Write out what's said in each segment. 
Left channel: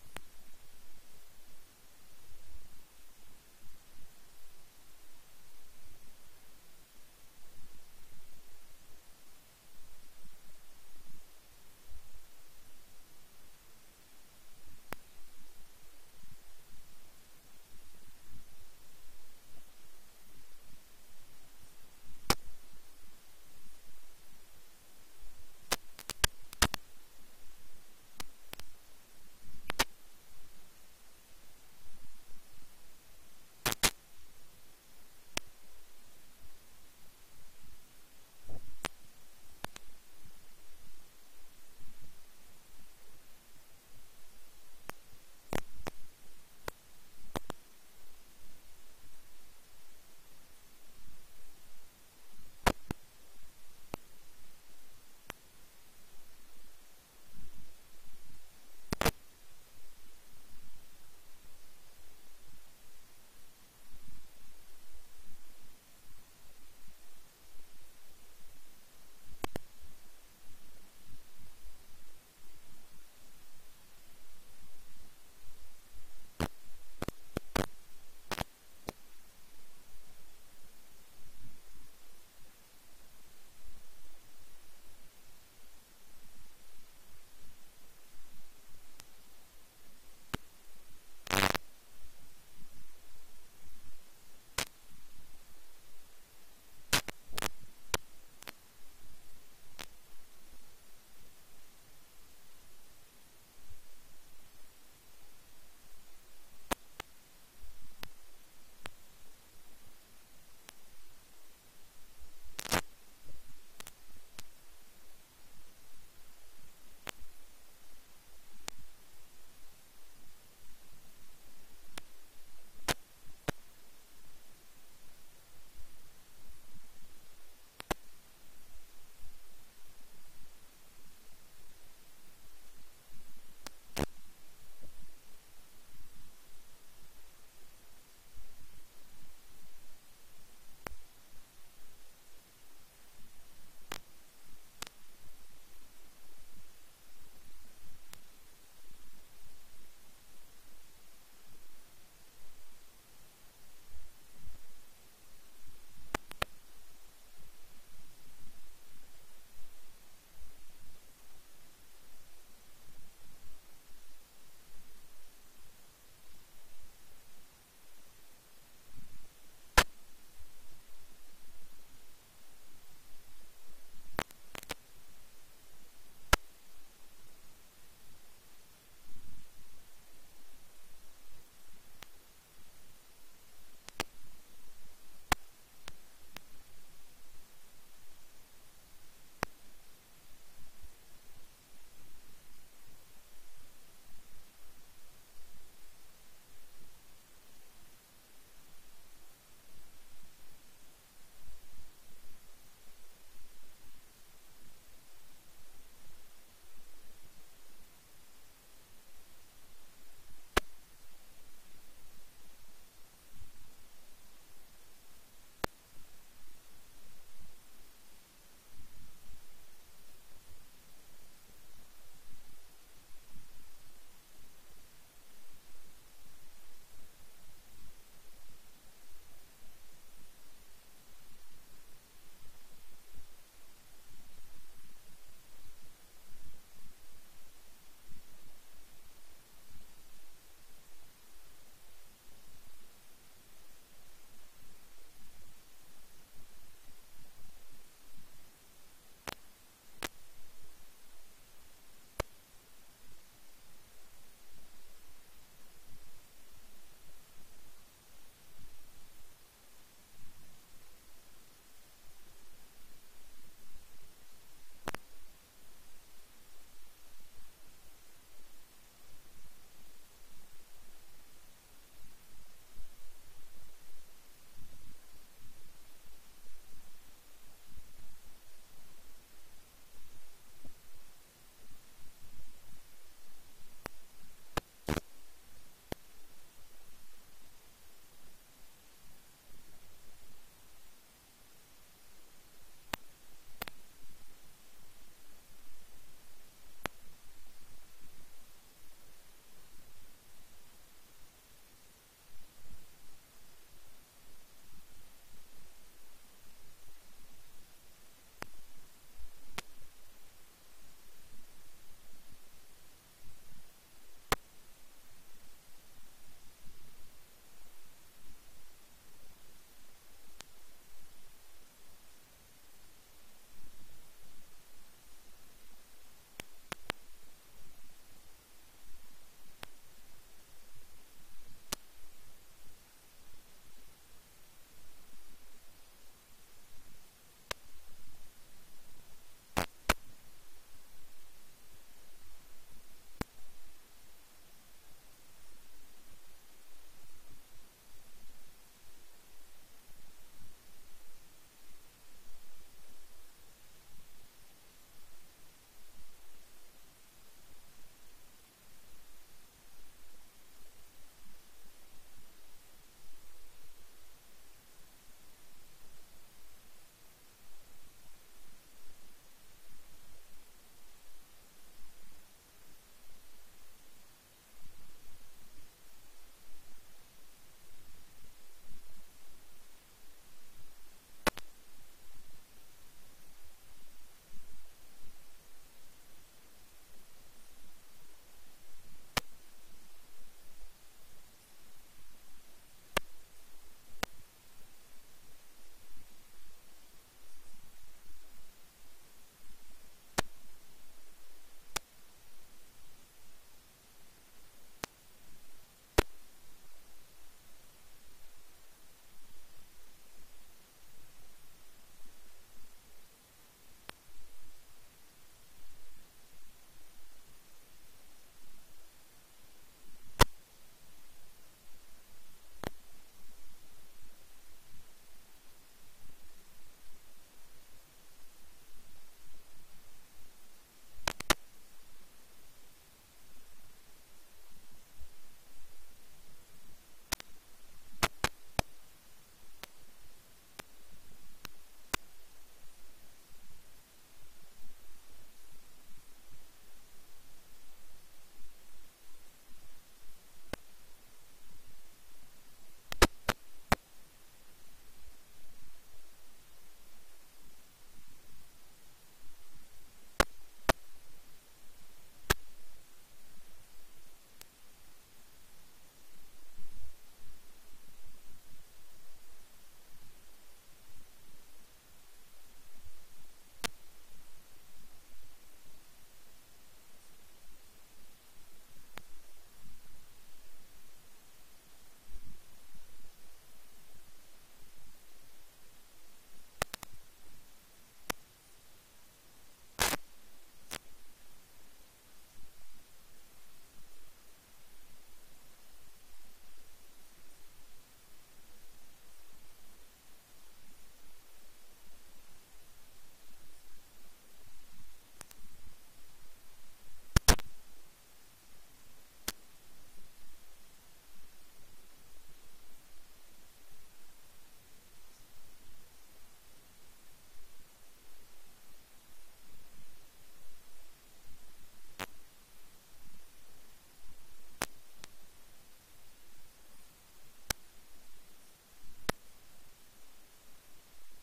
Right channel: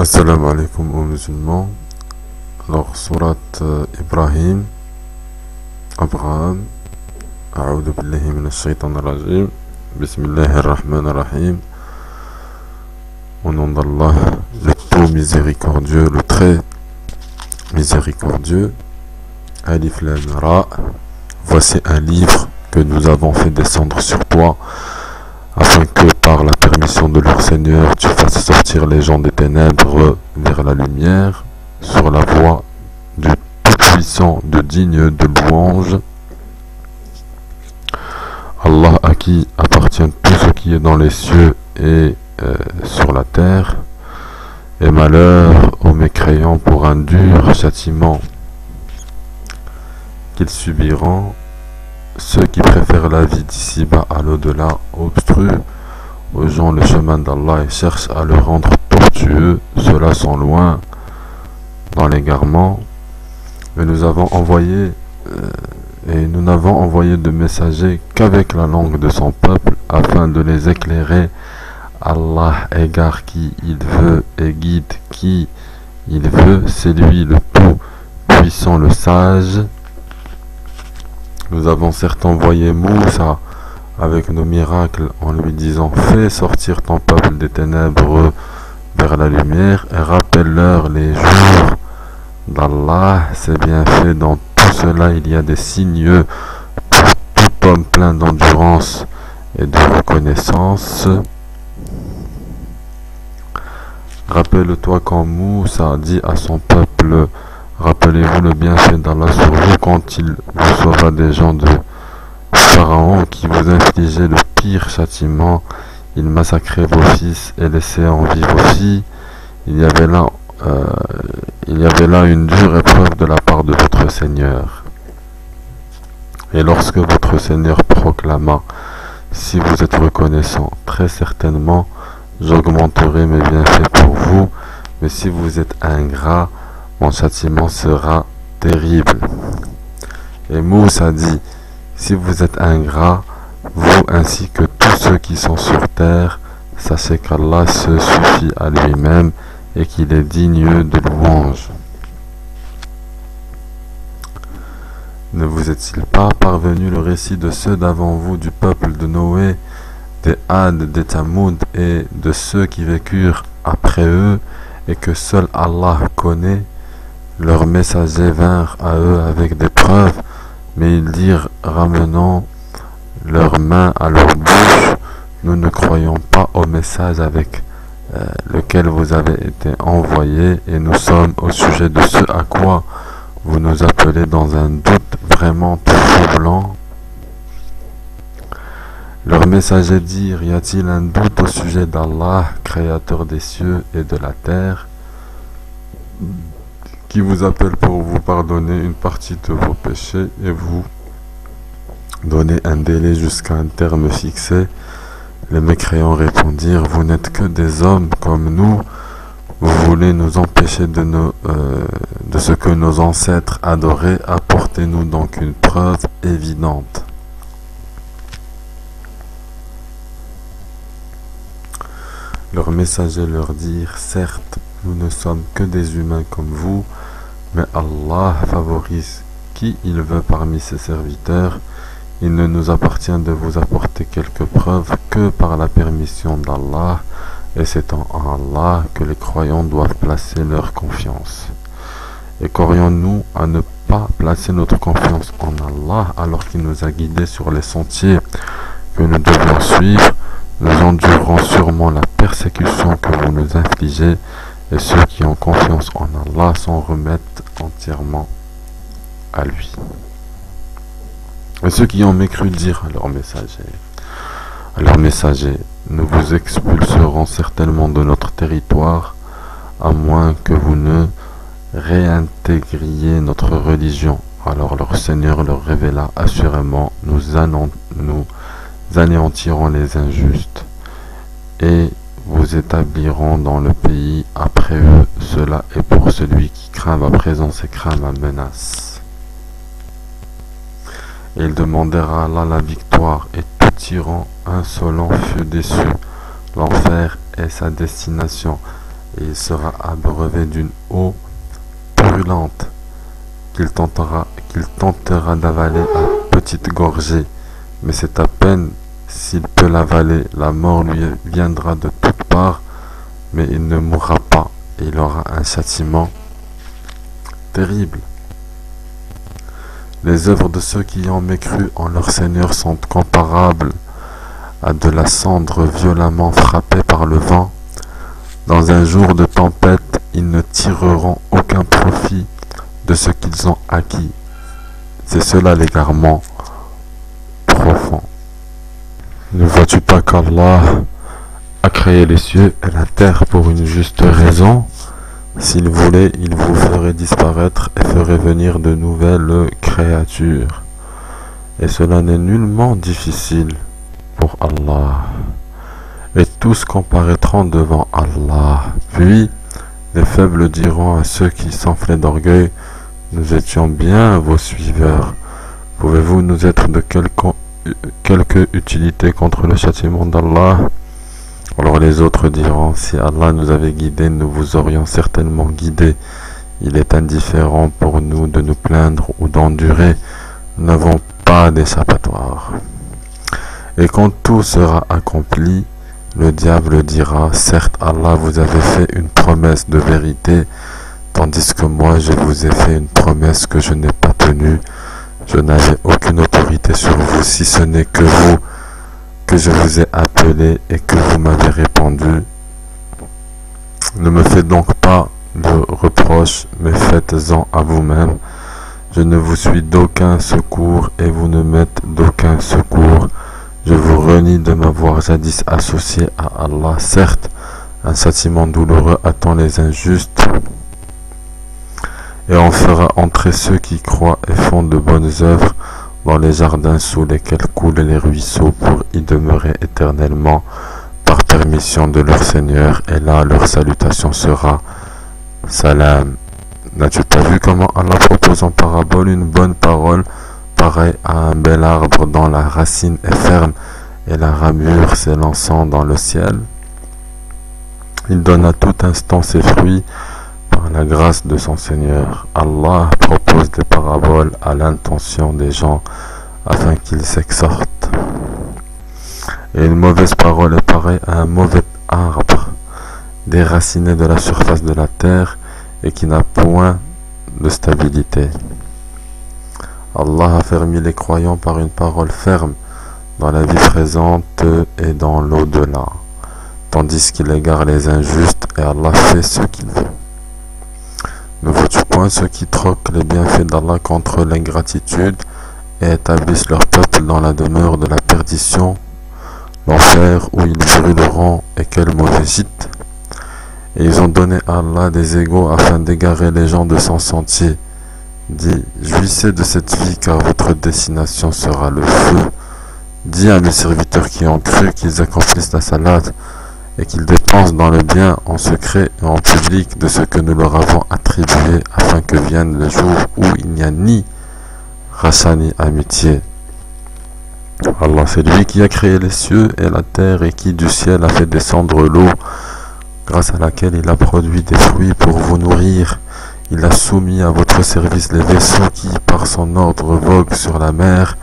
Assalamu alaikum aux musulmans. Alors, surat Ibrahim, Abraham, A'udhu billahi minash shaitanir rajim, Bismillahir rahmanir rahim, au nom d'Allah, le tout miséricordieux, le très miséricordieux, Alif Lam Ra. Voici un livre que nous avons fait descendre sur toi, afin que par la permission de leur Seigneur, tu fasses sortir les gens des ténèbres vers la lumière, sur la voie du Tout-Puissant, de digne de louange. Allah à qui appartient tout ce qui est dans les cieux et sur la terre, et malheur aux mécréants pour un dur châtiment qu'ils subiront. Ceux qui préfèrent la vie d'ici-bas à l'au-delà obstruent aux gens le chemin d'Allah et cherchent à le rendre tortueux. Ceux-là sont loin dans l'égarement. Et nous n'avons envoyé de messagers qu'avec la langue de son peuple, afin de les éclairer. Allah égare qui il veut et guide qui il veut. C'est lui le tout puissant, le sage. Nous avons certes envoyé Moussa avec nos miracles en lui disant: fais sortir ton peuple des ténèbres vers la lumière et rappelle-leur les jours d'Allah. C'est bien fait. Dans tout cela il y a des signes pour tout homme plein d'endurance et de reconnaissance. Rappelle-toi quand Moussa dit à son peuple: rappelez-vous le bienfait d'Allah sur vous quand il vous sauva des gens de Pharaon qui vous infligeaient le pire châtiment. Il massacrait vos fils et laissait en vie vos filles. Il y avait là une dure épreuve de la part de votre Seigneur. Et lorsque votre Seigneur proclama: si vous êtes reconnaissant, très certainement j'augmenterai mes bienfaits pour vous, mais si vous êtes ingrat, mon châtiment sera terrible. Et Moussa dit: si vous êtes ingrat, vous ainsi que tous ceux qui sont sur terre, sachez qu'Allah se suffit à lui-même et qu'il est digne de louange. Ne vous est-il pas parvenu le récit de ceux d'avant vous, du peuple de Noé, des Had, des Thamoud et de ceux qui vécurent après eux, et que seul Allah connaît? Leurs messagers vinrent à eux avec des preuves, mais ils dirent, ramenant leurs mains à leur bouche: nous ne croyons pas au message avec lequel vous avez été envoyés, et nous sommes au sujet de ce à quoi vous nous appelez dans un doute vraiment troublant. Leurs messagers dirent: y a-t-il un doute au sujet d'Allah, créateur des cieux et de la terre, qui vous appelle pour vous pardonner une partie de vos péchés et vous donner un délai jusqu'à un terme fixé? Les mécréants répondirent: vous n'êtes que des hommes comme nous, vous voulez nous empêcher de ce que nos ancêtres adoraient, apportez-nous donc une preuve évidente. Leurs messagers leur dirent: certes, nous ne sommes que des humains comme vous, mais Allah favorise qui il veut parmi ses serviteurs. Il ne nous appartient de vous apporter quelques preuves que par la permission d'Allah, et c'est en Allah que les croyants doivent placer leur confiance. Et qu'aurions-nous à ne pas placer notre confiance en Allah alors qu'il nous a guidés sur les sentiers que nous devions suivre? Nous endurerons sûrement la persécution que vous nous infligez, et ceux qui ont confiance en Allah s'en remettent entièrement à lui. Et ceux qui ont mécru dirent à leurs messagers: nous vous expulserons certainement de notre territoire, à moins que vous ne réintégriez notre religion. Alors leur Seigneur leur révéla: assurément nous anéantirons les injustes, et vous établirons dans le pays après eux. Cela est pour celui qui craint ma présence et craint ma menace. Et ils demandèrent à Allah la victoire, et tout tyran insolent fut déçu. L'enfer est sa destination. et il sera abreuvé d'une eau brûlante qu'il tentera d'avaler à petites gorgées, mais c'est à peine s'il peut l'avaler, la mort lui viendra de toutes parts, mais il ne mourra pas et il aura un châtiment terrible. Les œuvres de ceux qui ont mécru en leur Seigneur sont comparables à de la cendre violemment frappée par le vent. Dans un jour de tempête, ils ne tireront aucun profit de ce qu'ils ont acquis. C'est cela l'égarement profond. Ne vois-tu pas qu'Allah a créé les cieux et la terre pour une juste raison? S'il voulait, il vous ferait disparaître et ferait venir de nouvelles créatures. Et cela n'est nullement difficile pour Allah. Et tous comparaîtront devant Allah. Puis, les faibles diront à ceux qui s'enflaient d'orgueil, nous étions bien vos suiveurs. Pouvez-vous nous être de quelque utilité contre le châtiment d'Allah? Alors les autres diront, si Allah nous avait guidés, nous vous aurions certainement guidés. Il est indifférent pour nous de nous plaindre ou d'endurer. Nous n'avons pas d'échappatoire. Et quand tout sera accompli, le diable dira, certes Allah vous avait fait une promesse de vérité, tandis que moi je vous ai fait une promesse que je n'ai pas tenue. Je n'avais aucune autorité sur vous, si ce n'est que vous, que je vous ai appelé et que vous m'avez répondu. Ne me faites donc pas de reproches, mais faites-en à vous-même. Je ne vous suis d'aucun secours et vous ne m'êtes d'aucun secours. Je vous renie de m'avoir jadis associé à Allah. Certes, un châtiment douloureux attend les injustes, et on fera entrer ceux qui croient et font de bonnes œuvres dans les jardins sous lesquels coulent les ruisseaux pour y demeurer éternellement par permission de leur Seigneur, et là leur salutation sera Salam. N'as-tu pas vu comment Allah propose en parabole une bonne parole pareille à un bel arbre dont la racine est ferme et la ramure s'élançant dans le ciel? Il donne à tout instant ses fruits par la grâce de son Seigneur. Allah propose des paraboles à l'intention des gens afin qu'ils s'exhortent. Et une mauvaise parole est pareille à un mauvais arbre déraciné de la surface de la terre et qui n'a point de stabilité. Allah a fermé les croyants par une parole ferme dans la vie présente et dans l'au-delà, tandis qu'il égare les injustes et Allah fait ce qu'il veut. Ne vois-tu point ceux qui troquent les bienfaits d'Allah contre l'ingratitude et établissent leur peuple dans la demeure de la perdition, l'enfer où ils brûleront, et quel mauvais gîte! Et ils ont donné à Allah des égaux afin d'égarer les gens de son sentier. Dis, jouissez de cette vie car votre destination sera le feu. Dis à mes serviteurs qui ont cru qu'ils accomplissent la salade et qu'ils dépensent dans le bien en secret et en public de ce que nous leur avons attribué, afin que vienne le jour où il n'y a ni rachat ni amitié. Allah, c'est lui qui a créé les cieux et la terre et qui du ciel a fait descendre l'eau, grâce à laquelle il a produit des fruits pour vous nourrir. Il a soumis à votre service les vaisseaux qui, par son ordre, voguent sur la mer,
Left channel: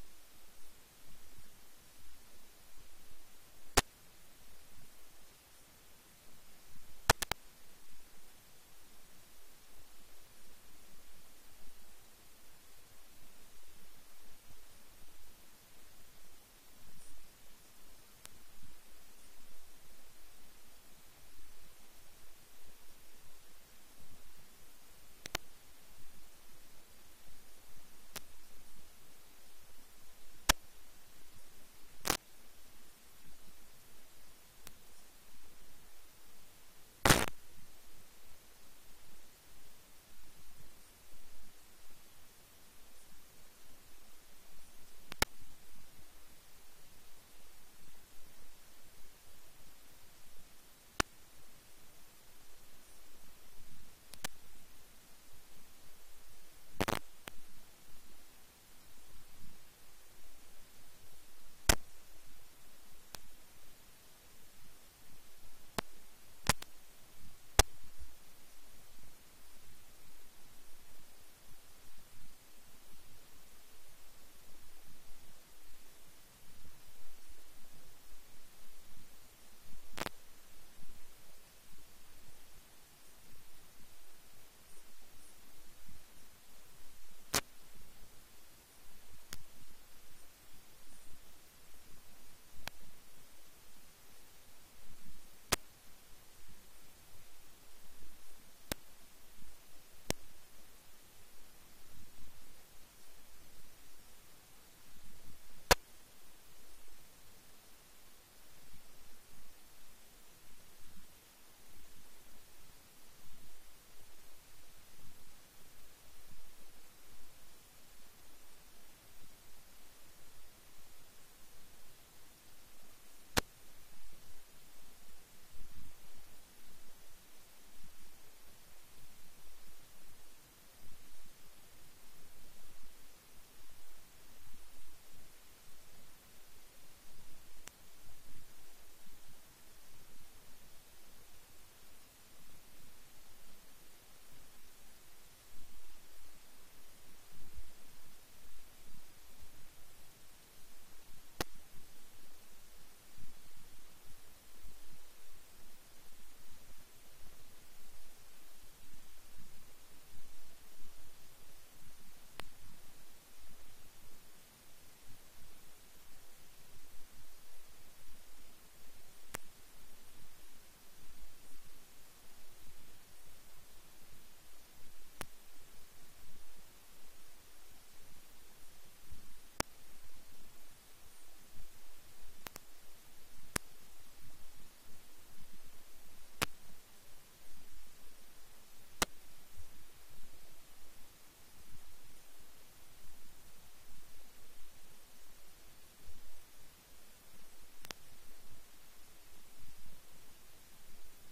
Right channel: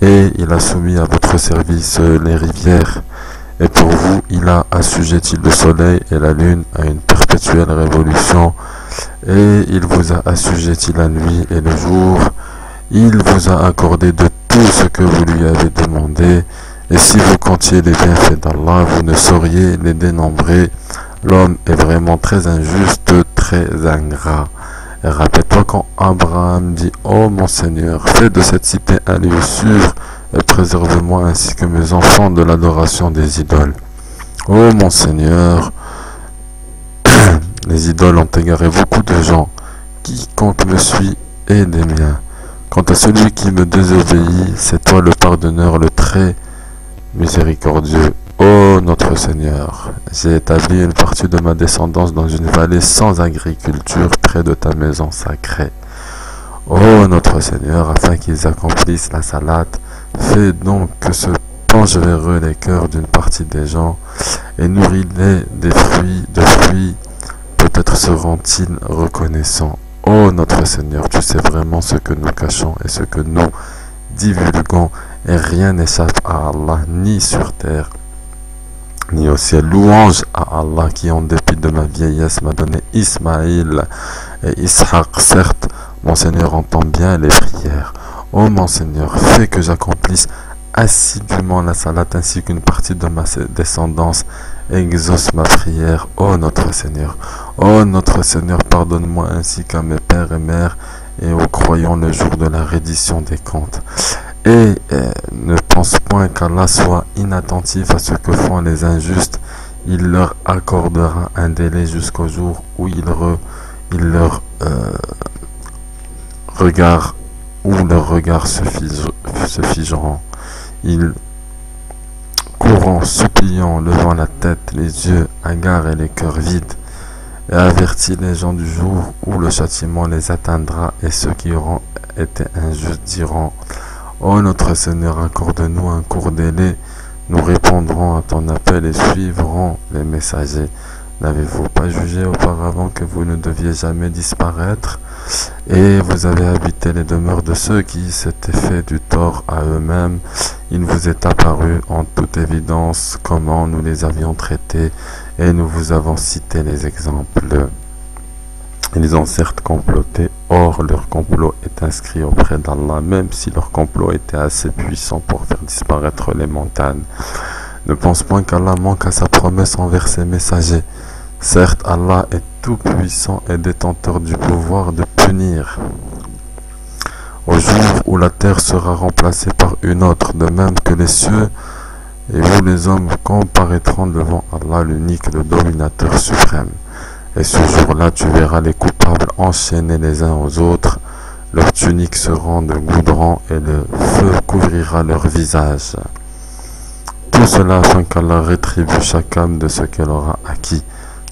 et il a soumis à votre service les rivières. Et pour vous, il a assujetti le soleil et la lune à une perpétuelle révolution, et il vous a assujetti la nuit et le jour. Il vous a accordé de tout ce que vous lui avez demandé, et si vous comptiez les bienfaits d'Allah, vous ne sauriez les dénombrer. L'homme est vraiment très injuste, très ingrat. Et rappelle-toi quand Abraham dit « Oh mon Seigneur, fais de cette cité un lieu sûr, et préserve-moi ainsi que mes enfants de l'adoration des idoles. » Oh mon Seigneur, les idoles ont égaré beaucoup de gens. Quiconque me suit est des miens. Quant à celui qui me désobéit, c'est toi le pardonneur, le très miséricordieux. Ô notre Seigneur, j'ai établi une partie de ma descendance dans une vallée sans agriculture près de ta maison sacrée. Ô notre Seigneur, afin qu'ils accomplissent la salade, fais donc que se penchent vers eux les cœurs d'une partie des gens et nourris-les de fruits peut-être seront-ils reconnaissants. Ô notre Seigneur, tu sais vraiment ce que nous cachons et ce que nous divulguons, et rien n'échappe à Allah, ni sur terre, ni au ciel. Louange à Allah qui, en dépit de ma vieillesse, m'a donné Ismaïl et Ishaq. Certes, mon Seigneur entend bien les prières. Ô mon Seigneur, fais que j'accomplisse assidûment la salat ainsi qu'une partie de ma descendance. Exauce ma prière, ô notre Seigneur. Ô notre Seigneur, pardonne-moi ainsi qu'à mes pères et mères et aux croyants le jour de la reddition des comptes. Et ne pense point qu'Allah soit inattentif à ce que font les injustes. Il leur accordera un délai jusqu'au jour où leurs regards se figeront. Ils courant, suppliant, levant la tête, les yeux hagards et les cœurs vides, et avertit les gens du jour où le châtiment les atteindra, et ceux qui auront été injustes diront: Ô notre Seigneur, accorde-nous un court délai, nous répondrons à ton appel et suivrons les messagers. N'avez-vous pas jugé auparavant que vous ne deviez jamais disparaître? Et vous avez habité les demeures de ceux qui s'étaient fait du tort à eux-mêmes. Il vous est apparu en toute évidence comment nous les avions traités, et nous vous avons cité les exemples. Ils ont certes comploté, or leur complot est inscrit auprès d'Allah, même si leur complot était assez puissant pour faire disparaître les montagnes. Ne pense point qu'Allah manque à sa promesse envers ses messagers. Certes, Allah est tout-puissant et détenteur du pouvoir de punir. Au jour où la terre sera remplacée par une autre, de même que les cieux, et où les hommes comparaîtront devant Allah, l'unique, le dominateur suprême. Et ce jour-là, tu verras les coupables enchaînés les uns aux autres, leurs tuniques seront de goudron et le feu couvrira leur visage. Tout cela afin qu'Allah rétribue chaque âme de ce qu'elle aura acquis.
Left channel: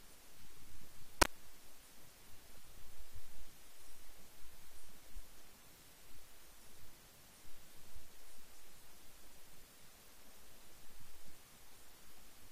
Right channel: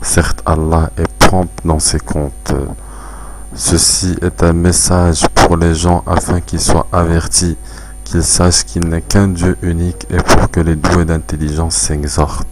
Certes, Allah est prompt dans ses comptes. Ceci est un message pour les gens afin qu'ils soient avertis, qu'ils sachent qu'il n'est qu'un Dieu unique et pour que les doués d'intelligence s'exhortent.